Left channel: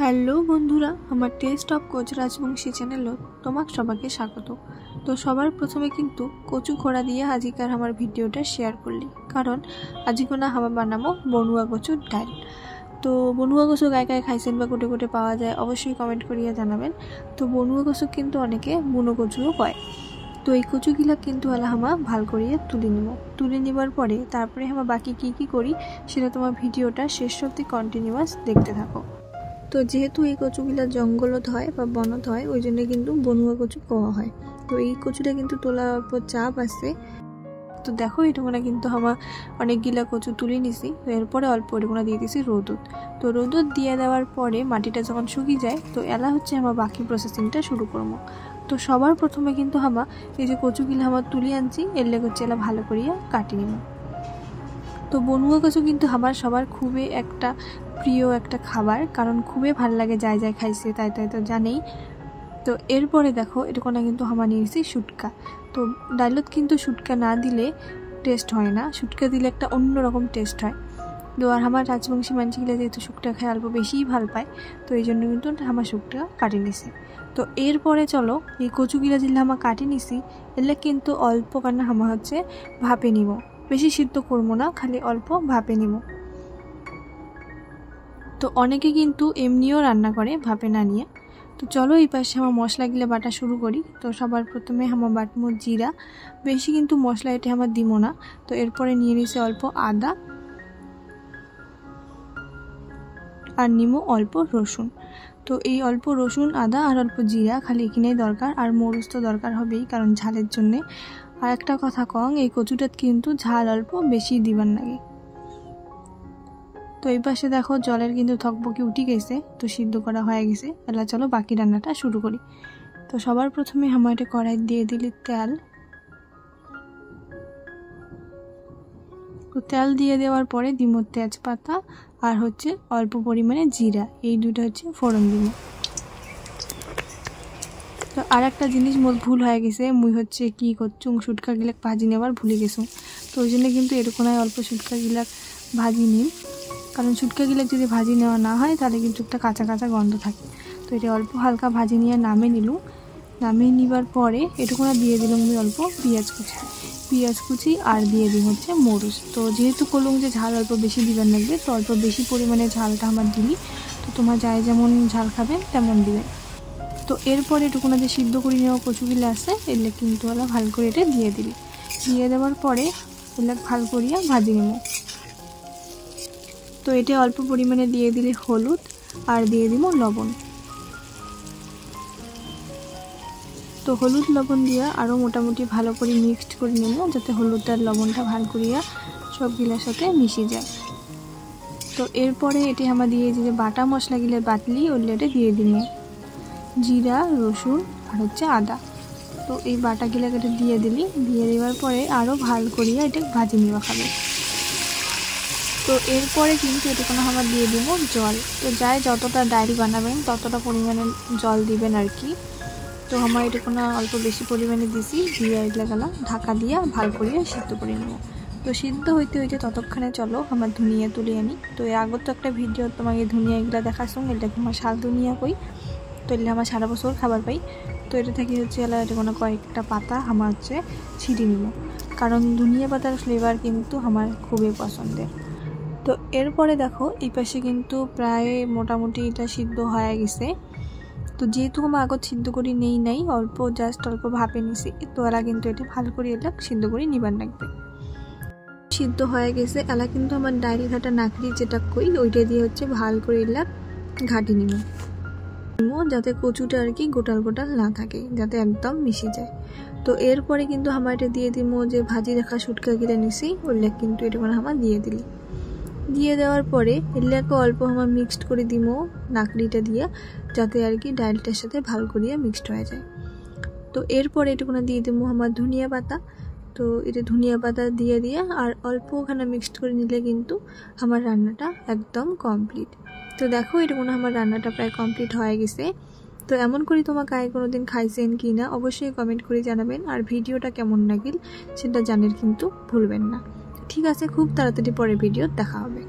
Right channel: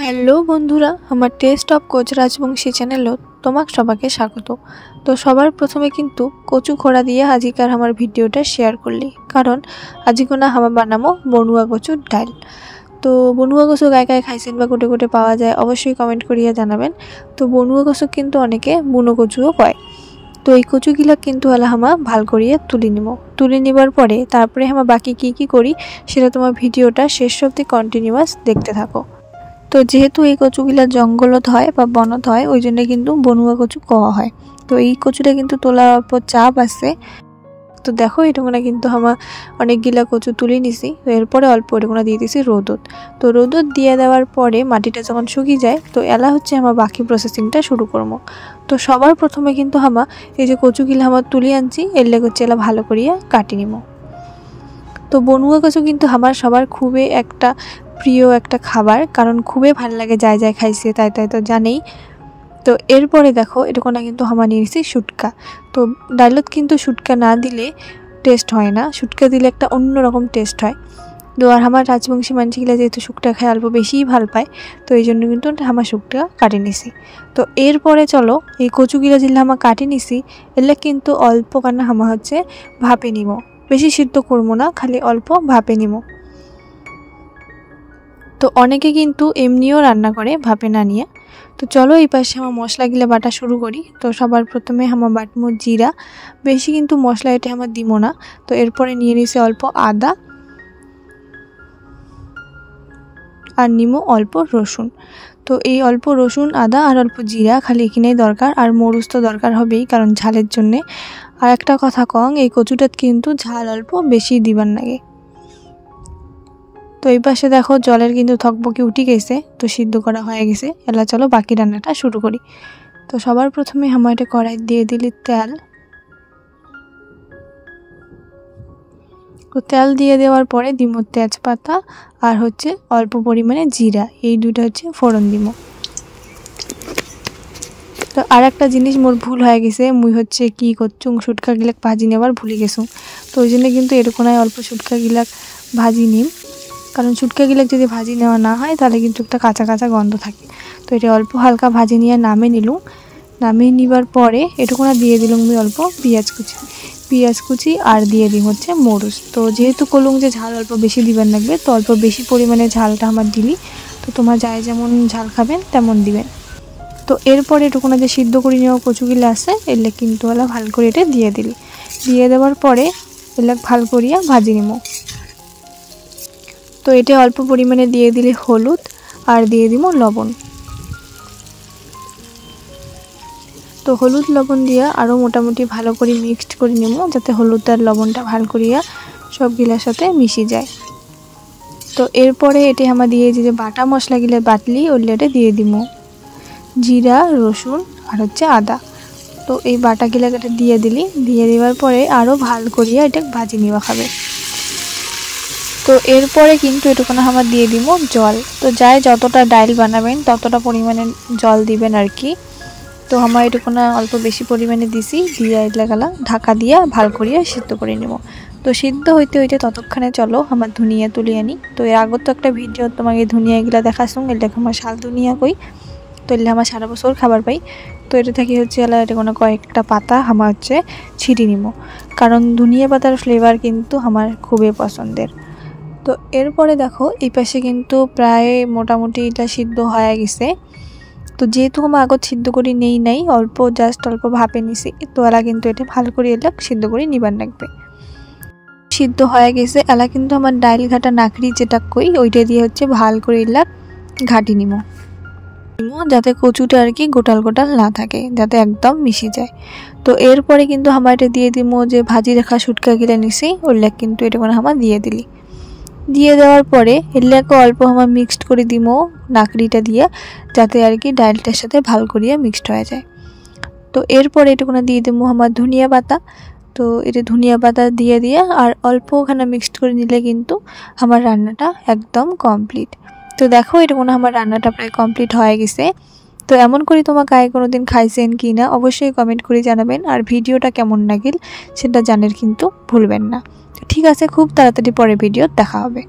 Hello বন্ধুরা, আমার test of coach Rajbanshi চ্যানেলও তোমাক সবাইকে স্বাগত। তো সবার প্রথমে কিন্তু কচু খোড়া দিয়ে আজিকার আমার ভিডিওটা শেয়ার করলি, কারণ আজিকোনা হামা বানামো বনুয়া কচুর ডাল। তো বনুয়া কচু গায়ে গায়ে খাইছেন বা কোটে কোটে পাওয়া যায়, অবশ্যই কমেন্ট করিয়া জানাবেন। তো বনুয়া কচু কিন্তু অনেকে বুনো কচুও কয়। তো এই কচুগুলা কিন্তু হলে হামা ভাল করিয়ে তুলে নিবার পরে তারপরে হামা বাকি কি করি সেটা তোমার ভিডিওটা শেষ অবধি কন্টিনিউয়াস দেখতে থাকো। তো যেহেতু এই কচুগুলা জঙ্গলত হয় বা বনত হয়, ওই জন্য কিন্তু বনুয়া কচু কওয়া হয়। তো এই কচুটা কিন্তু তোলার অল্প চাপ আছে। তো দেখো এটুকুনা কিন্তু আমার অনেকগুলা কচু তুলে নিছি। তো এরপরে অল্প এটুকুনা দিয়ে দিছি রোদত। তো রোদত দিয়ে দেওয়ার পরে মাটিটা যখন শুকিয়ে যায়, তো এলা হচ্ছে আমার বাকি প্রসেসিংটা শুরু করবো। তো সবার প্রথমে কিন্তু আমার এই যে কচুগুলা আমার তুলে আনছি, এর লেগে হচ্ছে এলা ভালো করিয়া কাটি নিব। তো বনুয়া কচু কিন্তু আমার সবার খুবই একটা প্রিয় একটা খাবার, কারণ খুবই ভালো লাগে, যাই খাইছে তাই তো জানেই। তো এরপরে দেখো এটুকুনা কিন্তু আমার নিয়েছি শুটকা। তো ডালত কিন্তু শুটকা না দিলে টেস্ট হয় না, শুটকা দিলে একটা অন্যরকম টেস্ট হয়। তো আর আমার রাজবংশী মানুষগুলা যেহেতু শুটকা খায় অল্প বেশিই ভাল পায়, তো এই জন্য কিন্তু আমার শুটকা কাটি নিছি। তো এরপরে চলো এই কচুগুলা যেগুলো আমার কাটি নিছি, এগুলো কিন্তু অল্প কান্না হামা হচ্ছে ভাপে নিব, বেশি সিদ্ধ করবো না, খালি অল্প ভাপে নিব। তো অনেকে কিন্তু এমনিও রান্না করে ভাপে না নিয়ে। তো চলো এই পাশে আমার মশলাগুলো বাটা শুরু করি। তো সবার প্রথমে আমার বাটমো জিরা, বেশি কিন্তু মশলা এটা আমার দিব না। তো এরপরে নিয়ে নিছি অল্প আদা আর নিমো অল্প রসুন। তো এই অল্প রসুন, আদা আর অল্প জিরা খালি এখানেই দরকার, আর মরিচ তো দরকার হবেই কারণ ঝালের জন্যে। আর একটা কথা কং, এই কচুটাত কিন্তু ঝাল অল্প বেশি দিবার লাগে। তো এই পাশে দেখো জলের কিন্তু থকবকি উঠে গেছে, তো সিদ্ধ করা হয়ে গেছে। এলা চলো বাকি রান্নাটা শুরু করি। তো সবার প্রথমে আমার এটা কড়াই দিয়ে দিলি তেল। তো তেল দিয়ে দেওয়ার পরে দিব তেজপাতা আর হচ্ছে অল্প পরিমাণে জিরা, এই দুটো হচ্ছে ফোড়ন দিব। তো আর একটা জিনিস মোর ভুল হয়ে গেছে, মুই হচ্ছে কি করছুং শুটকা গিলাক ভাজি নেবার ভুলে গেছুং। তো ওই জন্য কিন্তু এরকমই অল্প শুটকা গিলাক ভাজি নিম, কারণ শুটকা গিলাক যদি ভাজি নেওয়া না হয় তাহলে কিন্তু একটা কাঁচা কাঁচা গন্ধ থাকে। তো এটা অল্প হালকা ভাজি নিয়ে নামিয়ে নিবার পরে এটুকুনা দিয়ে দিলাম আমি অল্প পেঁয়াজ কুচি আর দিয়ে দিই হচ্ছে মরিচ। তো যেহেতু কলুং যে ঝাল অল্প বেশি দিবেন লাগবে, তো অল্প বেশি পরিমাণে ঝালটা আমার দিলি। তো তোমার যাই যেমন ঝাল খাবেন তেমন দিবেন। তো এরপরে এটুকুনা যে সিদ্ধ করে নেওয়া কচুগুলো আছে এলে কিন্তু ওলা ভালো করে এটা দিয়ে দেওয়ার পরে এলা ভালো করিয়া ভাজি নিব। তো এটা অল্প পরিমাণে দিয়ে দিলে হলুদ আর দিয়ে দিব লবণ। তো হলুদ লবণ দিয়ে আরও মোটামুটি ভালো করে মিক্সড করে নেব, যাতে হলুদ আর লবণটা ভালো করিয়া সবগুলোর সাথে মিশে যায়। তো এরপরে এটা আমার দিয়ে যে বাটা মশলাগুলো বাটলি ওগুলো দিয়ে দিব, জিরা, রসুন আর হচ্ছে আদা। তো এই বাটাগুলো দিয়ে দেওয়ার পরে আরও ভালো করিয়া এটা ভাজি নেওয়া খাবে। তো এরপরে কিন্তু এটুকুনা আমার দিয়ে দিব জল। তো যাই যতটা ডাল বানাবেন ততটা পরিমাণে জল দিবেন আর কি। তো আমার এটুকুনা অল্প বেশি পরিমাণে দিছি, দিয়ে এলাকালা ঢাকা দিয়ে ভালো করিয়া সিদ্ধ করে নেব। তো সিদ্ধ হইতে ততক্ষণে চলো আমার ধনিয়া তুলে আনি। তো এর আগত তো একটা ভিডিও তোমাকে ধনিয়া এগুলা দেখাছুং, এটা আমার শাল ধনিয়া কই। তো এলে আমার সারা বছর খাবার পাই। তো এটা থেকে হচ্ছে এলা এটা কোনো কয়েকটা পাতা আমার হচ্ছে ছিটি নিব, কারণ ধনিয়া পাতার ফ্লেভার কিন্তু আমার খুবই পছন্দের। তো এরপরে দেখো এই পাশে কিন্তু প্রায় মোটামুটি এটা সিদ্ধ হয়ে গেছে। তো যেহেতু আমার আগত সিদ্ধ করে নাই অল্প অল্প ভাপে নিছি, তো এলা কিন্তু এটা ভালো করে এলা সিদ্ধ করে নিবার লাগবে। সিদ্ধ হয়ে গেছে, এলা কিন্তু আমার ডাইল ঘাটা নাকড়ি যেটা কই ওইটা দিয়ে হচ্ছে ভালো করে এলা ঘাটি নিব, যাতে কচুটা আর কি গোটাল না থাকে, যাতে একদম মিশে যায়। তো এরপরে কিন্তু আমার এটা দিয়ে দিব যে ভাজি রাখা শুটকা গিলা নিছি ওইলা কিন্তু এটা কোনো আমার দিয়ে দেওয়ার পরে এলাকে অল্প আমার মিক্সড করে দিব নাকড়িটা দিয়ে, যাতে আর কি ডালটার সাথে ভালো করিয়া মিক্সড হয়ে যায়। তো এরপরে এটুকুনা দিয়ে দেবো আমার ধনিয়া পাতা। তো এটা ধনিয়া পাতা দিয়ে আর অল্প ওখানে মিক্সড করে নিলে কিন্তু আমার রান্নাটা একদম কমপ্লিট। তো দেখো এটুকুনা আমার রান্নাটা প্রায় কমপ্লিট হয়ে গেছে। তো এমন করে তোমার গায়ে কোনো দিন খাইছেন কি না অবশ্যই কমেন্ট করে জানাবেন, আর ভিডিওটা কেমন লাগিল সেটা জানার কিন্তু ভুলবেন না। ঠিক আছে, খুব তাড়াতাড়ি পরে ভিডিও দেখা হবে।